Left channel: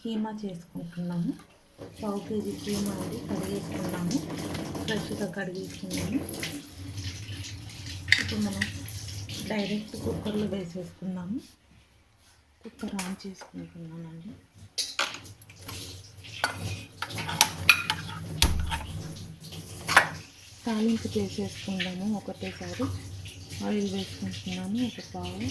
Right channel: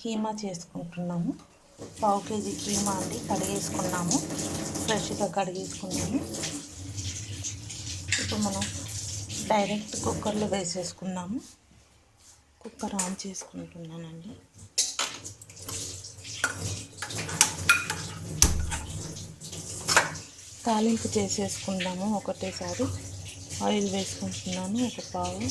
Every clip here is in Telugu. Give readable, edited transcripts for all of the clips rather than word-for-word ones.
కీమా చేసుకుంటున్నాము. పావు కేజీ కీమా అండి, కడిగేసుకున్నాము, ఫ్రెష్గా కడిగేసుకున్నాము. ఇప్పుడు మనం డైరెక్ట్ కుక్కర్లో వేసేసుకున్నాము. కుక్కర్ ఆన్ చేసుకుంటున్నానండి. తాలింపు చేసేసుకుందాము. ఒకటేసారి ఆయిల్ వేసుకుంటున్నాను, ఒక పావు.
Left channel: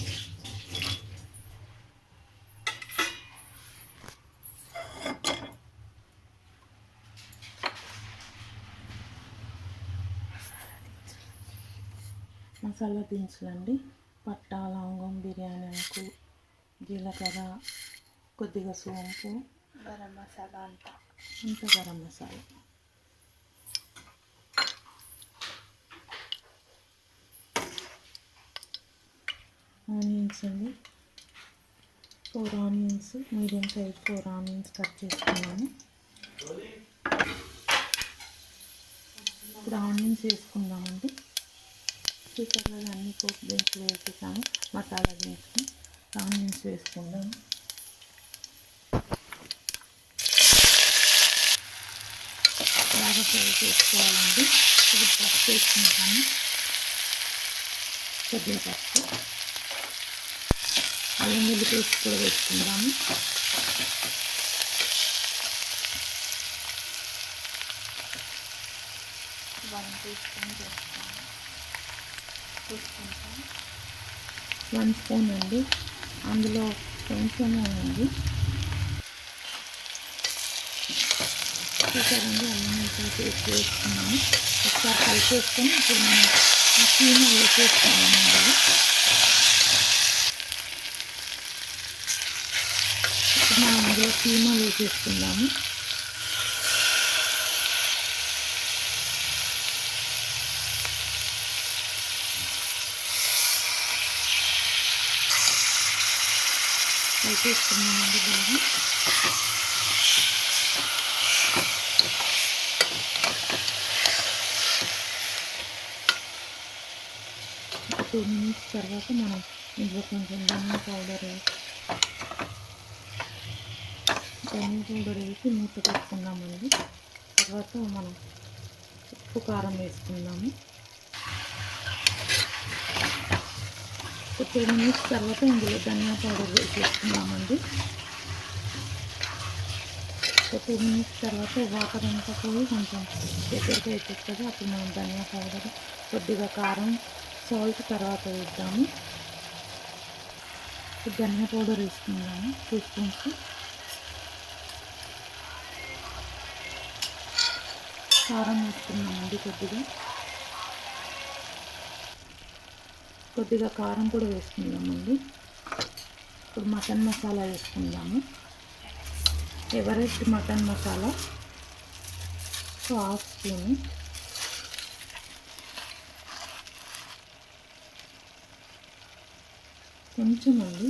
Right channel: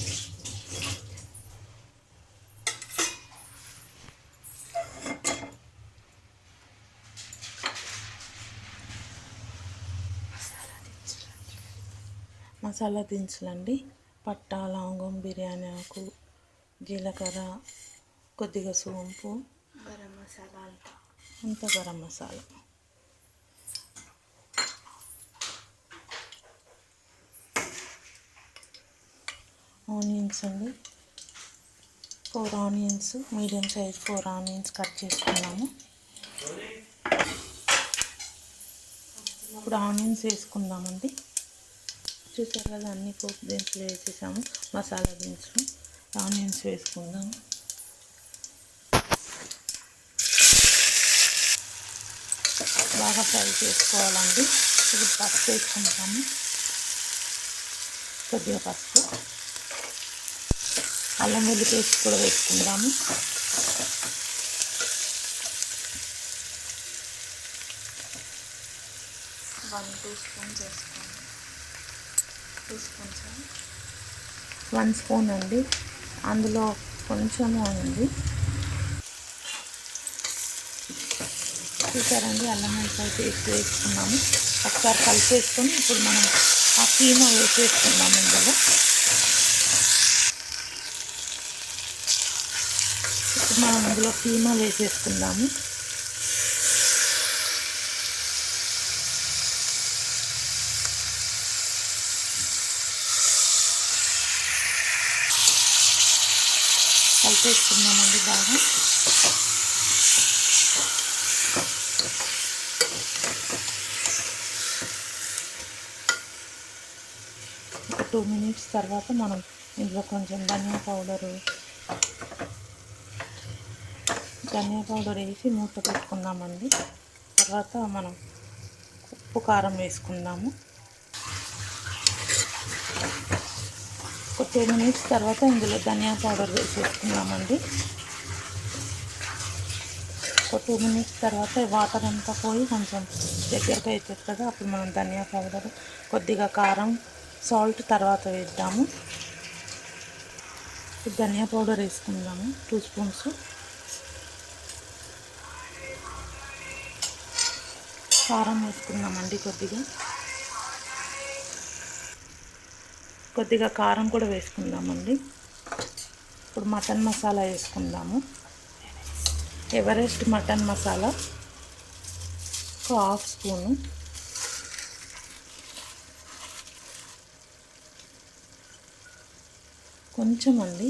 మసాలా దినుసులండి, పట్టా, లవంగం, బిర్యానీ ఆకు, జీలకర్ర, కొద్దిగా సోంపు, గరం మసాలా, అంత గరం మసాలా. ఆనియన్స్ అండి, 4 onions, medium size 4 onions cut చేసుకున్నాము. ఇప్పుడు ఆనియన్స్ వేసుకుందామండి. చూసారు కదా, అన్ని పోపు దినుసులు వేసేసాము, మసాలా దినుసులు. ఆనియన్స్ వేసుకుందాము. బాగా ఫ్రై చేసుకోవాలండి. ఇది పసుపు వేసుకుంటాము, కొద్దిగా పసుపు. అల్లం వెల్లుల్లి పేస్ట్ కూడా వేసుకుందాము. వన్ టీ స్పూన్ చేసుకోండి. 2 స్పూన్స్, 1 స్పూన్ అండి, అందులో కొంచెమే ఉంది. చూసారండి, అల్లం వెల్లుల్లి పేస్ట్ వేసుకున్నాము. ఒకసారి కలిపేసుకొని ఇప్పుడు మనం ఆ కీమా వేసేసుకున్నాము. ఇందులో మనం అందులో కీమా వేసేసుకుందాము. కలిపేసుకున్నామండి బాగా. ఒక 2 మినిట్స్ తర్వాత మనం ఇందులో కొంచెం ధనియా పౌడర్ వేసి మూత పెట్టుకుందామండి. తర్వాత మనం ఉప్పు, కారం వేసుకుందాము. ఒక 2 మినిట్స్ తర్వాత ఇందులో ధనియా పౌడర్ వేసేసుకుందామండి. ఒక 2 మినిట్స్ తర్వాత వాటర్ అంతా పోయి కొంచెం దగ్గరగా అవుతుంది కదా, అప్పుడు మనం ధనియా పౌడర్, కొద్దిగా కారం, సాల్ట్ తర్వాత వేద్దాము. ధనియా పౌడర్ వేసుకుందాము, 2 స్పూన్స్. కారం వేసుకున్నామండి, కొద్దిగా కారం కూడా వేసుకుందామండి. ఇప్పుడు మటన్ మసాలా వేసుకుందాము. Everest mutton masala 1/2 spoon. కొంచెం అండి,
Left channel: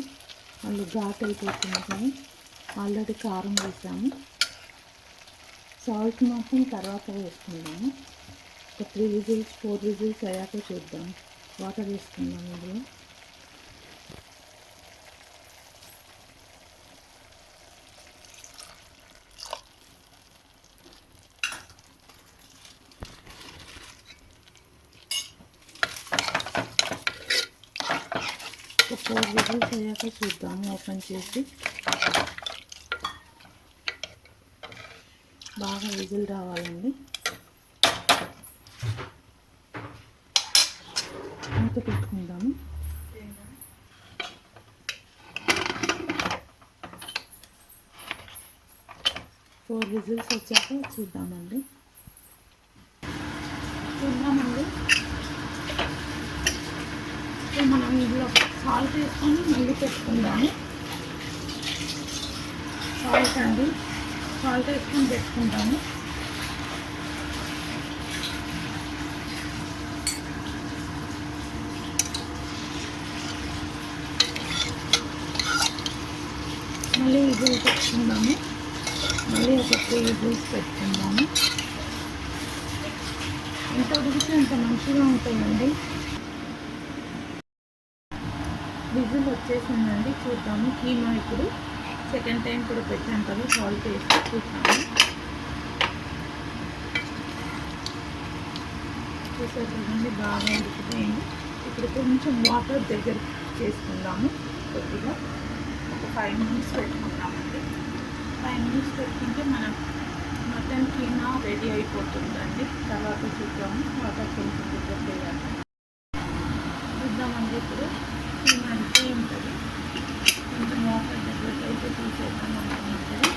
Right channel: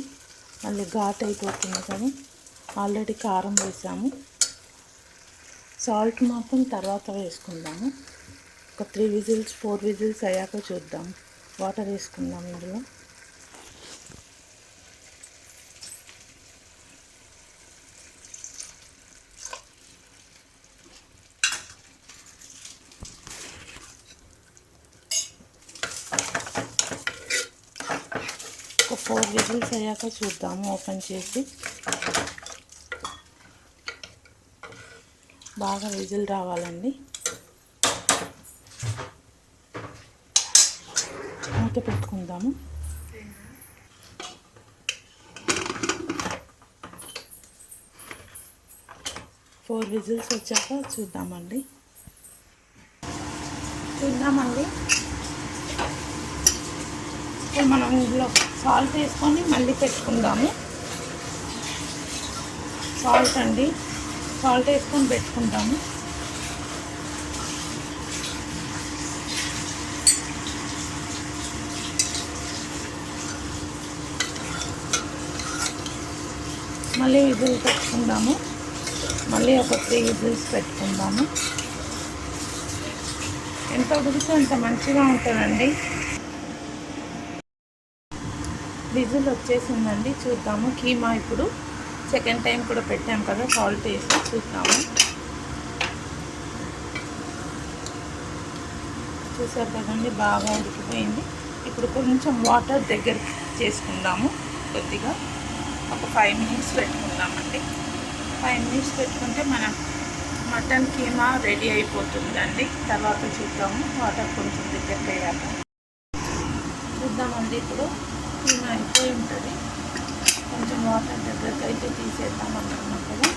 మళ్ళీ ఘాట్ అయిపోతుంది కదా, ఆల్రెడీ కారం వేసాము. సాల్ట్ మాత్రం తర్వాత వేసుకుందాము. ఒక 3 విజిల్స్ 4 విజిల్స్ అయ్యాక చూద్దాం. వాటర్ వేసుకుందాం ఇందులో. ఒక 4 విజిల్స్ అయ్యాక చూద్దాము, ఓపెన్ చేసి. బాగా విజిల్ రావాలండి. మూత పెట్టుకుందాము. 4 విజిల్స్ వచ్చాక చూద్దామండి. మనం ఇందులో సాల్ట్ వేసుకొని మళ్ళీ పెట్టుకుందాము. సాల్ట్ వేసుకొని పెట్టుకుంటాము. మళ్ళీ విజిల్ పెట్టుకుందాము. మళ్ళీ ఒక 3 విజిల్స్ పెట్టుకుందాము. ఎంత ఉడికితే అంత మంచిగా ఉంటుందండి. విజిల్ వచ్చేసిందండి, చూద్దాము. కీమా ఇప్పుడు సెకండ్ టైం కూడా పెట్టాం కదా, సాల్ట్ వేసి చూద్దాము. చూసారు కదండి, బాగా ఉడికిపోయింది. ఇప్పుడు కొంచెం వాటర్ దగ్గర చేసుకుందాము. కొద్దిగా ఒక 5 మినిట్స్ పెట్టుకుందామండి. 5 మినిట్స్ పెట్టుకుంటే మనం మటన్ కీమా రెడీ అయిపోతుందండి. తర్వాత చూద్దాము, వాటర్ కొంచెం దగ్గర వేయాలి. చూద్దామండి, ఇప్పుడు కీమా అయిపోయి ఉంటుంది. కొంచెం వాటర్ దగ్గరికి అయితే తీసేద్దాం అనుకున్నప్పుడు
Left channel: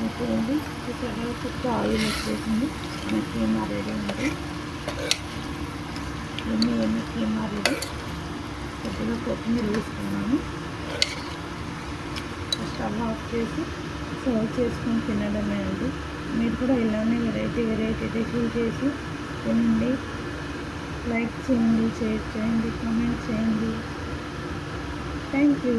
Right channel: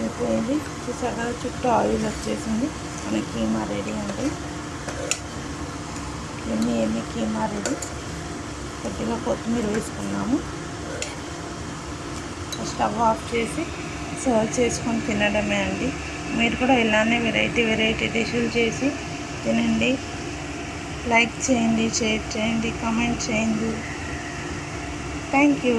అయిపోయింది. చూసారా, చుట్టూ ఆయిల్ వచ్చేసింది. మన కీమా రెడీ ఉంది. ఎన్ని కీమా రెడీ. కొద్దిగా కొత్తిమీర వేసుకున్నాము. స్టవ్ ఆఫ్ చేసి సర్వ్ చేసుకొని తినడమే అండి. మీరు కూడా ఇలానే వెరైటీ డిష్లు చేసి తినండి. లైక్ చేయండి, షేర్ చేయండి, కామెంట్ చేయండి. Thank you.